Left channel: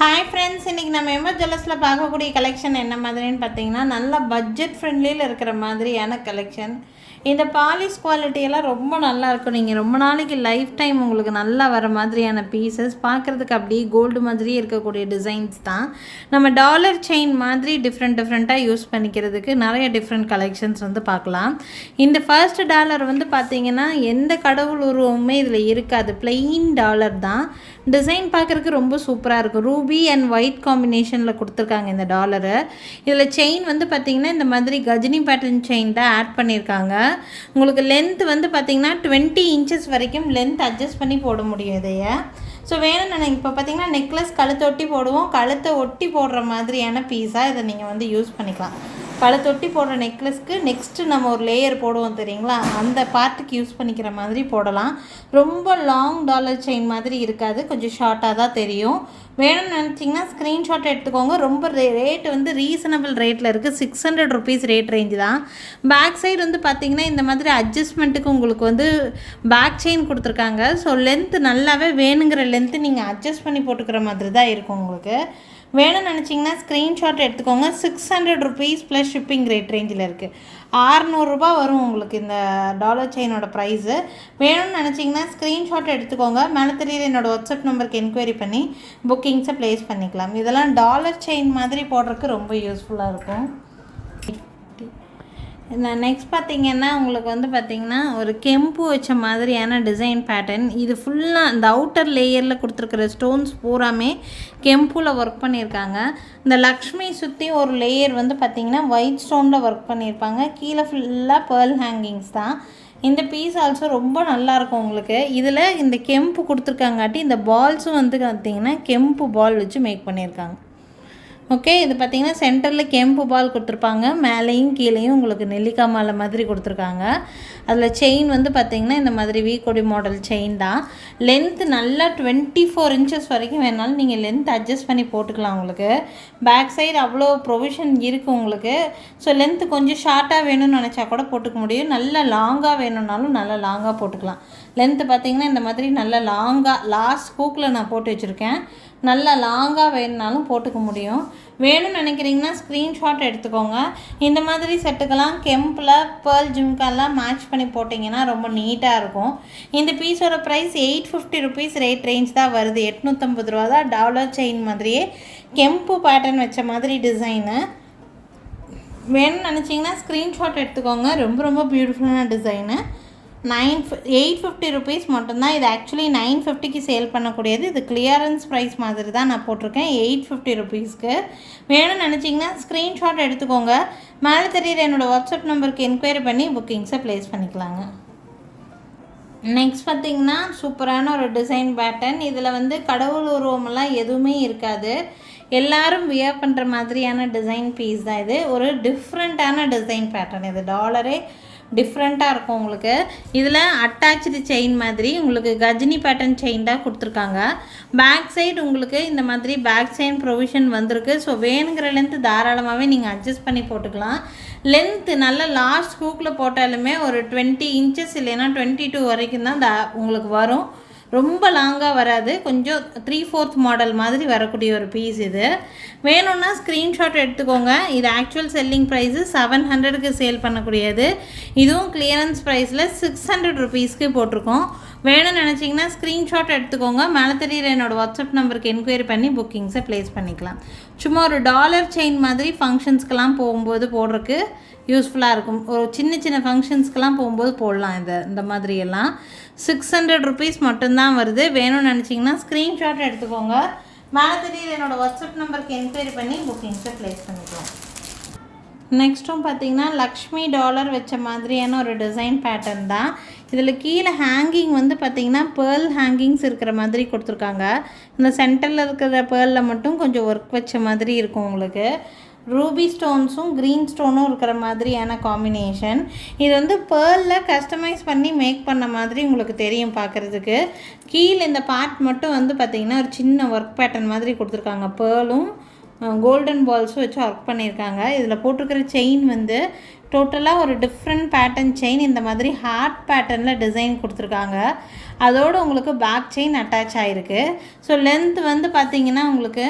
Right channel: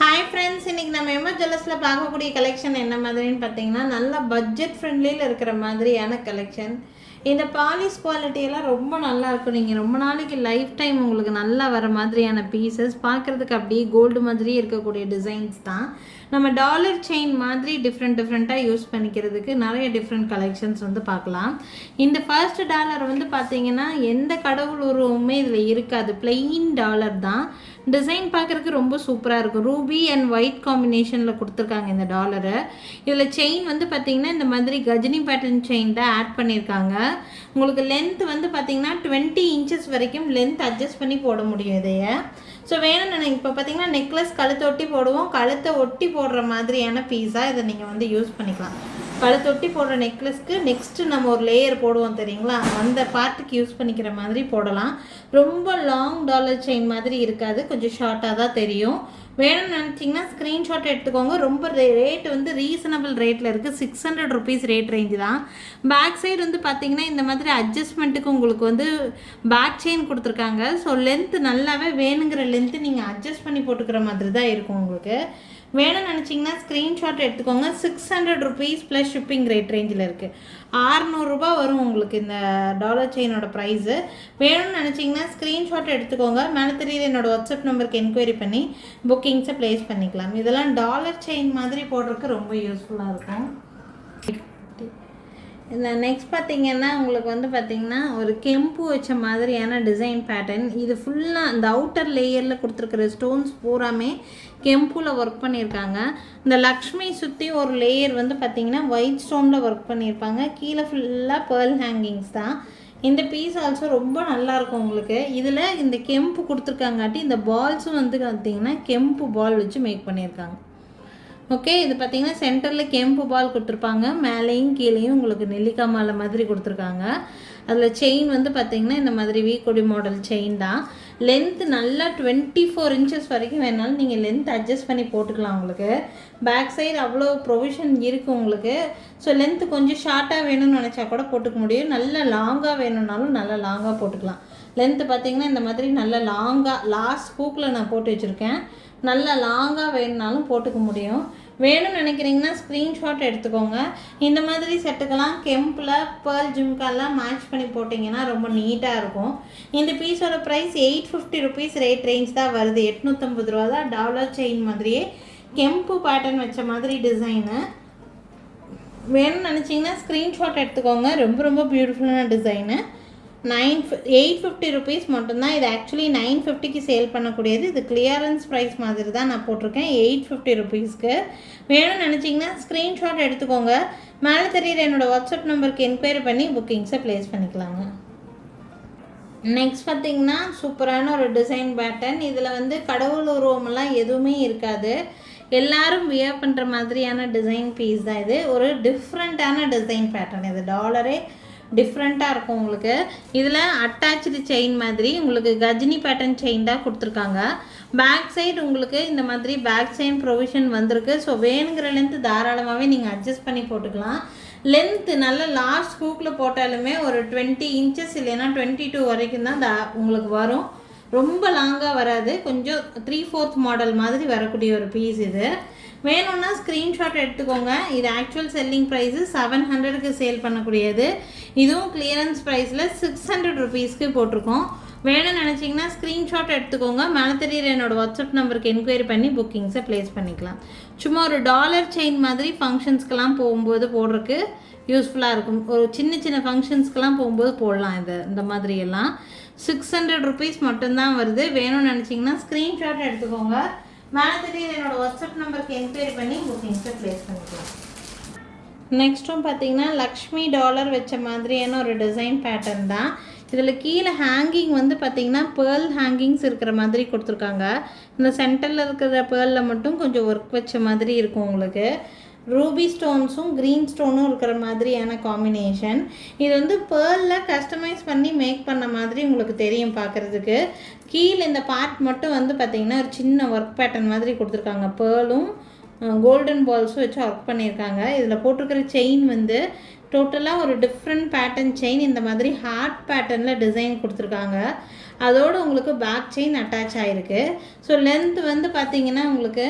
Hi friends, இன்றைக்கி நம்ம MS ஜுவல்லர்ஸில் பார்க்கக்கூடிய கலெக்ஷன் என்ன மாதிரின்னு பார்த்தீங்கன்னா, நல்ல பட்ஜெட் ஃப்ரெண்ட்லியில் இருக்கிற மாதிரியான கலெக்ஷன். இந்த பாலிஷ் குவாலிட்டியெல்லாம் ரொம்ப நல்லா இருக்கும். நீங்கள் ரொம்ப நாளைக்கு லைஃப் டைம் உங்களுக்கு நல்லா வர மாதிரியான பீசஸ், பார்க்குறதுக்கு அப்படியே கோல்டு மாதிரியே இருக்கக்கூடிய டிசைன்ஸ் தான். நம்ம டாலர் செயின் மாதிரி டிஃப்ரெண்ட்டாக யூஸ் பண்ணிக்கிறதுக்கு நிறைய டிஃப்ரெண்ட் கலெக்ஷன்ஸ் வந்து பார்க்கலாம். இந்த ஃபர்ஸ்ட் டாலர் வந்து பார்த்திங்கன்னா எந்த கடவுள் உருவமுமே இதில் இருக்காது, பிளெயின் டாலர் தான். டிசைன் பார்க்குறதுக்கு ரொம்ப சூப்பராக இருக்கும். ரூபி அண்ட் ஒயிட் காம்பினேஷனில் கொடுத்துருக்காங்க இந்த டாலரை. இதில் செயின் வந்து பார்த்திங்கன்னா இந்த மாதிரி கஜினி பேட்டர்ன் செயின் தான் ஆட் பண்ணியிருக்காங்க. உங்களுக்கு லென்த் வந்து பார்த்திங்கன்னா 20 இன்ச்சஸ் வரைக்கும் லென்த் அட்ஜஸ்ட் பண்ணி போட முடியும் இதைய. ஸோ வேணும்னு நினைக்க இப்போ பார்த்திங்கன்னா நெக்லஸ் கழுத்தை ஒட்டி போடுவோம், கழுத்தை ஒட்டி போடுற மாதிரியான பீஸாக இதை நீங்கள் வந்து யூஸ் பண்ணிக்கலாம். கழுத்தொட்டி போடுற நெக்லஸ்க்கு நெக்ஸ்ட்டு நம்ம ஒரு லேயர் போடுவோம் தெரியுங்களா, அந்த பார்ட்டுக்கு யூஸ் பண்ணிக்கிற மாதிரி போடலாம். ரொம்ப லாங் டாலர் செயின் மாதிரி இருக்காது, கொஞ்சம் ஷார்ட்டாக தான் தெரியும். வேணும்னு நினச்சிங்கன்னா ஸ்க்ரீன்ஷாட் எடுத்துக்கோங்க. ரொம்ப ரேட் வந்து ரீசனபிள் ரேட்டில் இருக்குது. 600 ருபீஸ் ரேட் ரேஞ்சு தான். பேக் சைடு வந்து பார்த்திங்கன்னா இந்த மாதிரி அட்ஜஸ்ட்மெண்ட்டுக்கு உங்களுக்கு வந்து பேக் செயின் கொடுத்துருக்காங்க. ஸோ லென்த்து நல்லாவே வேணுங்கிற லென்த்து நீங்கள் அட்ஜஸ்ட் பண்ணி போட்டுக்கிற மாதிரி தான் இருக்கும். உங்களுக்கு வேணும்னு நினச்சிங்கன்னா ஸ்க்ரீன்ஷாட் எடுத்துக்கோங்க. 600 ருபீஸ் ப்ளஸ் ஷிப்பிங் ரேட் ரேஞ்சில் இருக்குது. 600 ரூபா வரும் உங்களுக்கு இந்த டாலர் செயினோட ப்ரைஸு. வேணும்னு நினச்சிங்கன்னா ஸ்க்ரீன்ஷாட் எடுத்துக்கோங்க. மேலே தெரியுது என்னோடய வாட்ஸ்அப் நம்பருக்கு என்கொயரி பண்ணி புக்கிங்ஸை ப்ளேஸ் பண்ணிக்கலாம். இதெல்லாம் டாலர் செயின் மாதிரி போடுறதுக்கு ரொம்ப யூஸ்ஃபுல்லாக இருக்கும். நெக்ஸ்ட் பார்த்திங்கன்னா உங்களுக்கு வந்து பார்த்திங்கன்னா ஒரு கெம்பு வச்ச மாதிரியான டிசைன் பேட்டர்ன். இது ஃபுல்லாக இந்த அவுட்டர் லேயரில் கொடுத்துருக்குற ஸ்டோன்ஸ் பூராமே கெம்புவில் ஒர்க் பண்ணியிருக்காங்க. இந்த லக்ஷ்மி சுற்றி ஒரு லேயர் வந்து பார்த்திங்கன்னா ஒயிட் ஸ்டோனில் ஒர்க் பண்ணியிருப்பாங்க. கீழே ஃபுல்லாக பேர்ல் ஹேங்கிங்ஸ் தான். இந்த பீஸ் ஆல்சோ ரொம்ப நல்லாயிருக்கும் உங்களுக்கு. இதில் இந்த கெம்பு கொடுத்துருக்காங்காட்டி இந்த பால்ஸும் வந்து பார்த்திங்கன்னா கெம்பு பால் வச்சு மேக் பண்ணியிருக்காங்க. ஓகே, இது பார்த்திங்கன்னா சென்டரில் கெம்பு பால் கொடுத்துருப்பாங்க, மேலேயும் கீழேயும் உங்களுக்கு நெல்லிக்காய் மாலை மாதிரி கொடுத்துருக்காங்க. அதில் செயின் வந்து பார்த்திங்கன்னா இந்த மாதிரி வீக்கொடி மாடல் செயின் தான். லென்த்து நல்லா 24 இன்ச்சஸ் வரைக்கும் வேணாலும் நீங்கள் லென்த் அட்ஜஸ்ட் பண்ணி போட்டுக்கலாம். உங்களுக்கு பேக் சைடு அவ்வளோ ப்ரொவிஷன் இருக்குது உங்களுக்கு. ஸோ லென்த்து கொஞ்சம் ஷார்ட்டாக வேணும்னு நினச்சா கூட போட்டுக்க முடியும். நல்லா லாங்காக வேணும்னாலும் நல்லா லாங்காக போட்டுக்கலாம். லென்த்து பார்த்திங்கன்னா இந்த மாதிரி நல்லா லாங்காக லாஸ்ட் ஹூக்கில் நான் போட்டு வச்சுருக்கேன். நல்லா லாங்காக வேணுனாலும் போட்டுக்க முடியும். வேணும்னு நினைக்கிறீங்கன்னா ஸ்க்ரீன்ஷாட் எடுத்துக்கோங்க. இந்த மாதிரி செட்டுக்கெல்லாம் கெம்பில் பேர்ல் ஜும்காலாம் மேட்ச் பண்ணி போட்டிங்கன்னா ரொம்ப நீட்டாக இருக்கும். இந்த பீஸோட ப்ரைஸ் 850 ருபீஸ் ரேட் ரேஞ்ச் தான் வருது. 850 ரூபா தான். டாலர் செயின் மாதிரியே கெம்பு பேட்டர்ன் வச்ச மாதிரி டிசைனு. வேணும்னு நினச்சிங்கன்னா ஸ்க்ரீன்ஷாட் எடுத்துக்கோங்க. ரொம்ப பியூட்டிஃபுல்லான டிசைனு. 850 ருபீஸ் மட்டும்தான். இது ஆக்சுவலி 950க்கு சேல் பண்ணக்கூடியது. இது கிளியரன்ஸ் ப்ரைஸ் மாதிரி தான் நான் போட்டிருக்கேன் 850 ருபீஸ்க்கு. வேணும்னு நினச்சிங்கன்னா ஸ்க்ரீன்ஷாட் எடுத்துக்கோங்க. மேலே தெரியுற என்னோடய வாட்ஸ்அப் நம்பருக்கு என்கொயரி பண்ணி புக்கிங்ஸை ப்ளேஸ் பண்ணிக்கலாங்க. நெக்ஸ்ட் பார்த்திங்கன்னா சூப்பரான ஒரு டிசைன் பேட்டர்ன். இதில் வந்து கடவுள் உருவமெல்லாம் எதுவுமே இருக்காது. எல்லாரும் வியர் பண்ணுற மாதிரியான டிசைன் பீஸ் தான் இது. ஒரு டிஃப்ரெண்ட்டான டிசைன் பேட்டர்ன். இது டாலரே டிஃப்ரெண்ட்டாக இருக்கும் உங்களுக்கு. இதில் அட்டாச்சு செயின் மாதிரி உங்களுக்கு கஜினி பேட்டர்ன் செயின் தான் கொடுத்துருக்காங்க. பேக் சைடு உங்களுக்கு இந்த மாதிரி பேக் செயின் ப்ரொவிஷன் வந்திருக்கு. ஸோ வேணுங்கிற லென்த்து தாராளமாகவே நீங்கள் அட்ஜஸ்ட் பண்ணி போட்டுக்கலாம். லென்த்து நல்ல லாஸ்ட் ஹூக்கில் போட்டாலுமே ஒரு 20 இன்ச்சஸ் இல்லைன்னா 22 வரைக்கும் தான் உங்களுக்கு வரும். ரொம்ப லாங்காக வராது. கொஞ்சம் 3/4 மாடல் மாதிரி வரக்கூடிய ஒரு பீஸ் இது. வேணும்னா ஸ்க்ரீன்ஷாட் எடுத்துக்கோங்க. இது ஆக்சுவல் செல்லிங் ப்ரைஸு 700க்கு சேல் பண்ணக்கூடியது. இதுவும் கிளியரன்ஸ் ப்ரைஸில் 600 ருபீஸ்க்கு போட்டிருக்கோம். வேணும்னு நினச்சிங்கன்னா ஸ்க்ரீன்ஷாட் எடுத்துக்கோங்க. மேலே தெரியுற என்னோடய வாட்ஸ்அப் நம்பருக்கு என்கொயரி பண்ணி புக்கிங்ஸை ப்ளேஸ் பண்ணிக்கலாம். சும்மா ஒரு டாலர் செயின் மாதிரி ஃபங்க்ஷன்ஸ்க்கெலாம் போகும்போது போடுறதுக்கு யூஸ்ஃபுல்லாக இருக்கும். ஒரு சின்ன ஃபங்க்ஷன்ஸ்க்கெலாம் போகும்போது போடலாம். இந்த மாதிரியெல்லாம் 600 ருபீஸ் மட்டும்தான் வருது. வேணும்னு நினச்சிங்கன்னா ஸ்க்ரீன்ஷாட் எடுத்துக்கோங்க. மேலே தெரியுற என்னோடய வாட்ஸ்அப் நம்பருக்கு என்கொயரி பண்ணி புக்கிங்ஸை ப்ளேஸ் பண்ணிக்கலாம். நெக்ஸ்ட்டும் பார்த்திங்கன்னா லக்ஷ்மி டாலர் வச்ச மாதிரியான ஒரு டிசைன் பேட்டர்ன் தான். இதில் கீழே ஹேங்கிங் வந்து பார்த்திங்கன்னா பேர்ல் ஹேங்கிங்ஸ் இருக்கிற மாதிரி கொடுத்துருக்காங்க. இந்த சென்டரில் இருக்கிற பேர்லில் மட்டும் கொஞ்சம் ஒர்க் வச்ச மாதிரி இருக்கும் உங்களுக்கு. ரூபி ஸ்டோன்ஸும் க்ரீன் ஸ்டோனும் இருக்கிற மாதிரியான காம்பினேஷன். இது வந்து பேர்லில் கஸ்டமைஸ் பண்ணி மேக் பண்ண மாதிரி உங்களுக்கு தெரியும் பார்க்குறதுக்கு. கீழே இந்த பார்ட் மட்டும் வந்து பார்த்திங்கன்னா ஒரு சின்ன ஒர்க் பேட்டர்ன் மாதிரி கொடுத்துருக்காங்க. பேர்லும் கோல்டன் பால்ஸும் வச்சு ஒர்க் பண்ணியிருக்காங்க. இதில் போட்டிருக்கிற செயின் வந்து டோட்டலாக ஒரு டிஃப்ரெண்ட் பேட்டர்ன் செயின். இந்த மாதிரி ஹார்ட் பேட்டர்னில் டிசைன் கொடுத்துருக்காங்க. அதோடு உங்களுக்கு பேக் செயின் அட்டாச் ஆகிருக்கு. ஸோ லென்த் வந்து பார்த்திங்கன்னா உங்களுக்கு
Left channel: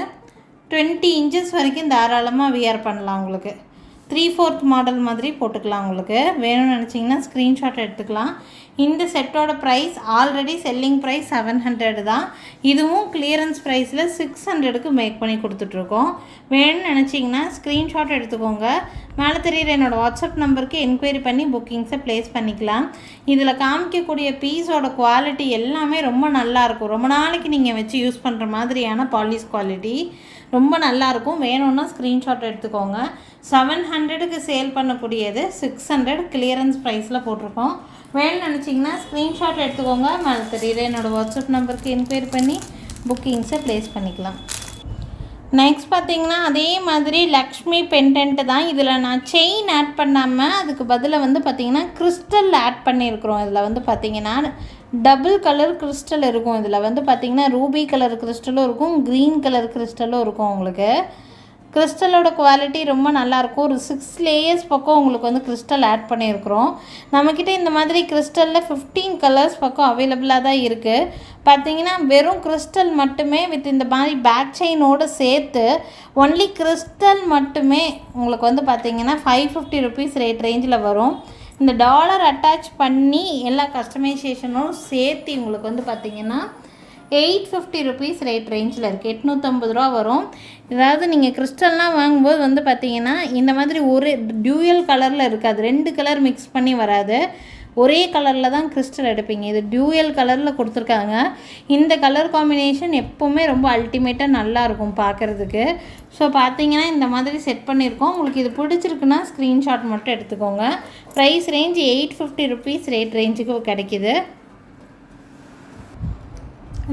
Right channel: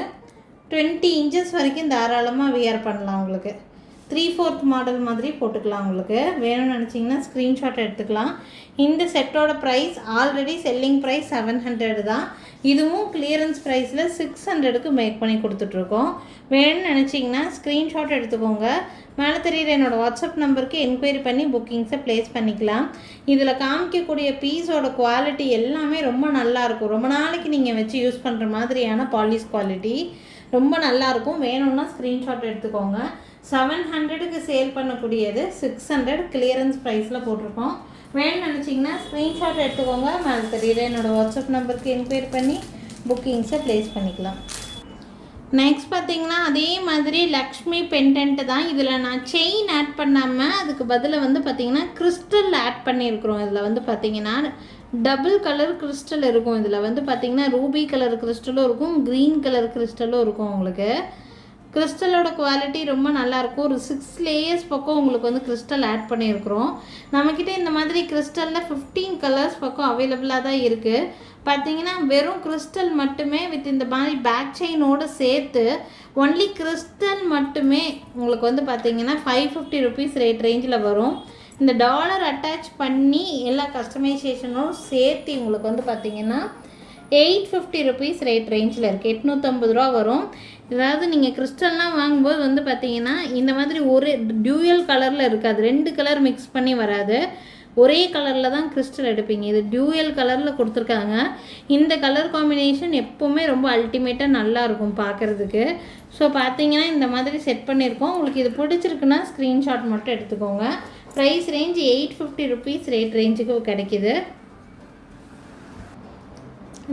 20 inches வரைக்கும் தாராளமாக வியர் பண்ணலாம். உங்களுக்கு 3/4 மாடல் மாதிரி போட்டுக்கலாம். உங்களுக்கு வேணும்னு நினச்சிங்கன்னா ஸ்க்ரீன்ஷாட் எடுத்துக்கலாம். இந்த செட்டோட ப்ரைஸ் ஆல்ரெடி செல்லிங் ப்ரைஸ் 700 தான். இதுவும் கிளியரன்ஸ் ப்ரைஸில் 600க்கு மேக் பண்ணி கொடுத்துட்ருக்கோம். வேணும்னு நினச்சிங்கன்னா ஸ்க்ரீன்ஷாட் எடுத்துக்கோங்க. மேலே தெரியுற என்னோடய வாட்ஸ்அப் நம்பருக்கு என்கொயரி பண்ணி புக்கிங்ஸை ப்ளேஸ் பண்ணிக்கலாம். இதில் காமிக்கக்கூடிய பீஸோட குவாலிட்டி எல்லாமே ரொம்ப நல்லாயிருக்கும். ரொம்ப நாளைக்கு நீங்கள் வச்சு யூஸ் பண்ணுற மாதிரியான பாலிஷ் குவாலிட்டி ரொம்ப நல்லாயிருக்கும். வேணும்னா ஸ்க்ரீன்ஷாட் எடுத்துக்கோங்க. 700க்கு சேல் பண்ணக்கூடியது 600 கிளியரன்ஸ் ப்ரைஸில் போட்டிருக்கோம். வேணும்னு நினச்சிங்கன்னா ஸ்க்ரீன்ஷாட் எடுத்துக்கோங்க. மேலே தெரியுற என்னோடய வாட்ஸ்அப் நம்பருக்கு என்கொயரி பண்ணி புக்கிங்ஸை ப்ளேஸ் பண்ணிக்கலாம். நெக்ஸ்ட் பார்த்திங்கன்னா அதே மாதிரி லக்ஷ்மி பெண்டன்ட்டு தான். இதில் நான் செயின் ஆட் பண்ணாமல் அதுக்கு பதிலாக வந்து பார்த்திங்கன்னா கிறிஸ்டல் ஆட் பண்ணியிருக்கிறோம். இதில் வந்து பார்த்திங்கன்னா டபுள் கலர் கிறிஸ்டல் இருக்கும். இதில் வந்து பார்த்திங்கன்னா ரூபி கலர் கிறிஸ்டலும் இருக்கும், க்ரீன் கலர் கிறிஸ்டலும் இருக்கும். உங்களுக்கு கிறிஸ்டலோட குவாலிட்டி ரொம்ப நல்லாயிருக்கும். ஒரு 6 லேயர்ஸ் பக்கம் உங்களுக்கு வந்து கிறிஸ்டல் ஆட் பண்ணியிருக்கிறோம். நம்மக்கிட்ட இந்த மாதிரி கிறிஸ்டலில் 15 கலர்ஸ் பக்கம் அவைலபிளாக தான் இருக்குது. பார்த்திங்கன்னா வெறும் கிறிஸ்டல் மட்டுமே வித் இந்த மாதிரி பேக் செயினோடு சேர்த்து ஒன்லி கிறிஸ்டல் மட்டுமே உங்களுக்கு வந்து பார்த்திங்கன்னா 550 rupees ரேட் ரேஞ்சில் வரும். இந்த டாலர் அட்டாச் பண்ணி எல்லா கஸ்டமைசேஷனும் சேர்த்து உங்களுக்கு வந்து பார்த்திங்கன்னா 850 rupees ரேட் ரேஞ்சில் இருக்குது. 850 ரூபா வரும். அதாவது நீங்கள் கிறிஸ்டல்லாம் வாங்கும்போது வந்து பார்த்திங்கன்னா இந்த மாதிரி ஒரு டியூயல் கலரில் இருக்காது, 2 கலர் மிக்ஸ் பண்ணி வராது. ஒரே கலரில் தான் கிறிஸ்டல் எடுப்பீங்க. இது டியூயல் கலரில் கொடுத்துருக்காங்க. இந்த கலர் காம்பினேஷன் எப்போவுமே ரொம்ப அல்டிமேட்டாக நல்லாயிருக்கும் பார்க்குறதுக்கு. ஸோ பார்த்திங்கன்னா இந்த மாதிரி செட் பண்ணியிருக்கோம். உங்களுக்கு இது பிடிச்சிருக்குன்னா ஸ்க்ரீன்ஷாட் மட்டும் எடுத்துக்கோங்க. ப்ரைஸ் ரேஞ்ச் 850 rupees ரேட் ரேஞ்சுக்கு கிடைக்கிது.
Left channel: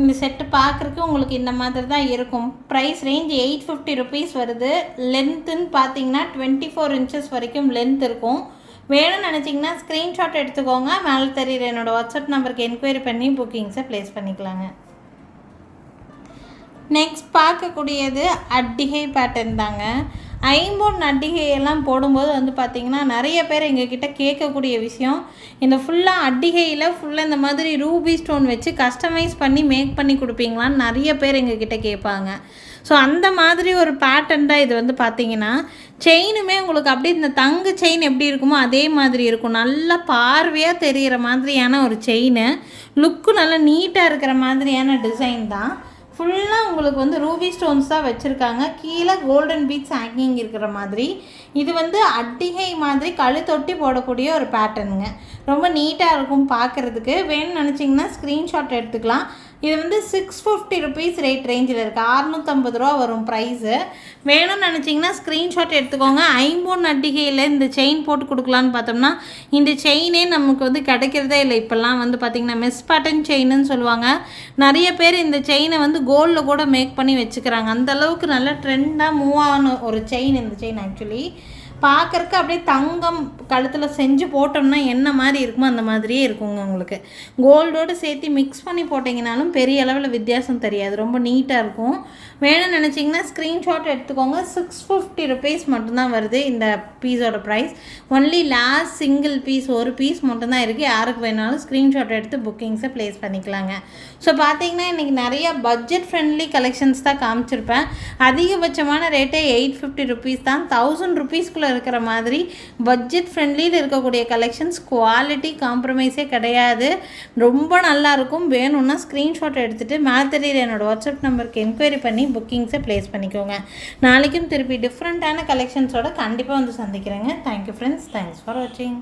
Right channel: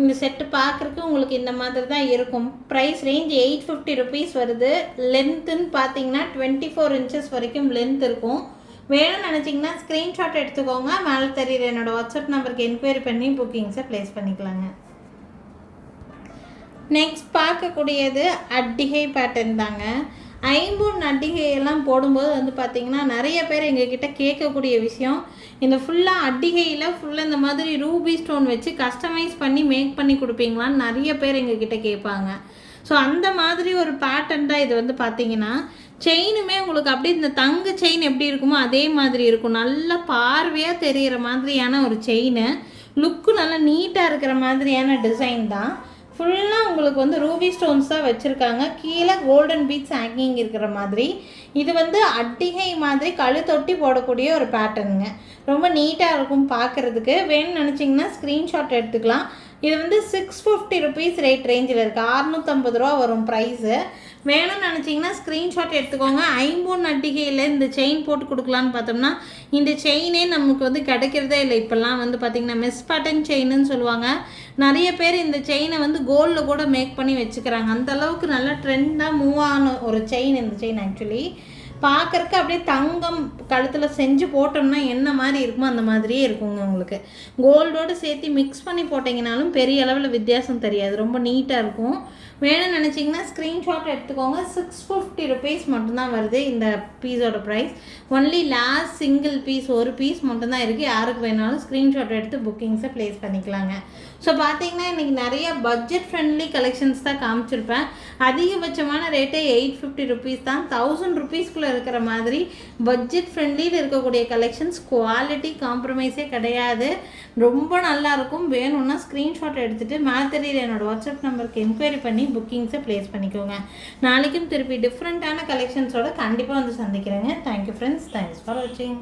இந்த செட்டு பார்க்குறதுக்கு உங்களுக்கு இந்த மாதிரி தான் இருக்கும். ப்ரைஸ் ரேஞ்ச் 850 rupees வருது. லென்த்துன்னு பார்த்தீங்கன்னா 24 inches வரைக்கும் லென்த் இருக்கும். வேணும்னு நினச்சிங்கன்னா ஸ்க்ரீன்ஷாட் எடுத்துக்கோங்க. மேலே தெரியுற என்னோடய வாட்ஸ்அப் நம்பருக்கு என்கொயரி பண்ணி புக்கிங்ஸை ப்ளேஸ் பண்ணிக்கலாங்க. நெக்ஸ்ட் பார்க்கக்கூடியது அட்டிகை பேட்டர்ன் தாங்க. ஐம்பொன் அட்டிகையெல்லாம் போடும்போது வந்து பார்த்திங்கன்னா நிறைய பேர் எங்ககிட்ட கேட்கக்கூடிய விஷயம், இந்த ஃபுல்லாக அட்டிகையில் ஃபுல்லாக இந்த மாதிரி ரூபி ஸ்டோன் வச்சு கஸ்டமைஸ் பண்ணி மேக் பண்ணி கொடுப்பீங்களான்னு நிறைய பேர் எங்ககிட்ட கேட்பாங்க. ஸோ அந்த மாதிரி ஒரு பேட்டர்ன் தான் இது. வந்து பார்த்திங்கன்னா செயினுமே உங்களுக்கு அப்படியே இந்த தங்க செயின் எப்படி இருக்குமோ அதே மாதிரி இருக்கும். நல்லா பார்வையாக தெரிகிற மாதிரியான ஒரு செயின், லுக்கு நல்லா நீட்டாக இருக்கிற மாதிரியான டிசைன் தான். ஃபுல்லாக உங்களுக்கு வந்து ரூபி ஸ்டோன்ஸ் தான் வச்சுருக்காங்க. கீழே கோல்டன் பீட்ஸ் ஹேங்கிங் இருக்கிற மாதிரி. இது வந்து அட்டிகை மாதிரி கழுத்தொட்டி போடக்கூடிய ஒரு பேட்டர்னுங்க. ரொம்ப நீட்டாக இருக்கும் பார்க்குறதுக்கு. வேணும்னு நினச்சிங்கன்னா ஸ்க்ரீன்ஷாட் எடுத்துக்கலாம். இது வந்து 650 rupees ரேட் ரேஞ்சில் இருக்குது. 650 ரூபா வரும் ப்ரைஸு. வேணும்னு நினச்சிங்கன்னா ஸ்க்ரீன்ஷாட் எடுத்துக்கோங்க. ஐம்பொன் அட்டிகையில் இந்த செயின் போட்டு கொடுக்கலான்னு பார்த்தோம்னா இந்த செயினே நமக்கு வந்து கிடைக்கிறதே இல்லை. இப்போல்லாம் வந்து பார்த்திங்கன்னா மிஸ் பேட்டர்ன் செயின்னு சொல்லுவாங்க. நிறைய பேர் இந்த செயினை வந்து கோல்டில் கூட மேக் பண்ணி வச்சுக்கிறாங்க. அந்தளவுக்கு நல்ல ட்ரெண்டாக மூவ் ஆன ஒரு செயின் இந்த செயின். ஆக்சுவலி பார்க்குறக்கு அப்படியே தங்கம் கழுத்தில் செஞ்சு போட்டோம்னா என்ன மாதிரி இருக்குமோ அந்த மாதிரியே இருக்குங்க. உங்களுக்கு கோல்டோடு சேர்த்து மிக்ஸ் பண்ணி போட்டிங்கனாலும் பெரிய அளவில் வித்தியாசம் தெரியாது. ரொம்ப நீட்டாக இருக்கும். வேணும்னு நினச்சிங்கன்னா ஸ்க்ரீன்ஷாட் எடுத்துக்கோங்க. 650 rupees மட்டும்தான் வருது இந்த பீஸோட price. Only last single piece, ஒரு பீஸ் மட்டும்தான் இருக்குது. யாருக்கு வேணாலும் ஸ்க்ரீன்ஷாட் எடுத்து புக்கிங்ஸை ப்ளேஸ் பண்ணிக்கலாங்க. ஸோ பார்த்தீங்கன்னா இன்றைக்கி நிறையா பட்ஜெட் ஃப்ரெண்ட்லி கலெக்ஷன்ஸ் தான் காமிச்சிருப்பேன். அதிகபட்சமான ரேட்டே 850 rupees தான். 1000 rupeesக்குள்ளே இருக்கிற மாதிரி பட்ஜெட் ஃப்ரெண்ட்லியில் இருக்கக்கூடிய கலெக்ஷன்ஸ். குவாலிட்டி காம்ப்ரமைஸே கிடையாது. ரொம்ப நல்லாயிருக்கும். வேணும்னா ஸ்க்ரீன்ஷாட் எடுத்துகிட்டு மேலே தெரியுற என்னோடய வாட்ஸ்அப் நம்பருக்கு என்கொயரி பண்ணி புக்கிங்ஸை ப்ளேஸ் பண்ணிக்கோங்க. நாளைக்கும் திருப்பி டிஃப்ரெண்ட்டான கலெக்ஷன்ஸோட கண்டிப்பாக வந்து சந்திக்கிறேங்க. Thank you friends. தேங்க்ஸ் ஃபார் வாட்சிங்.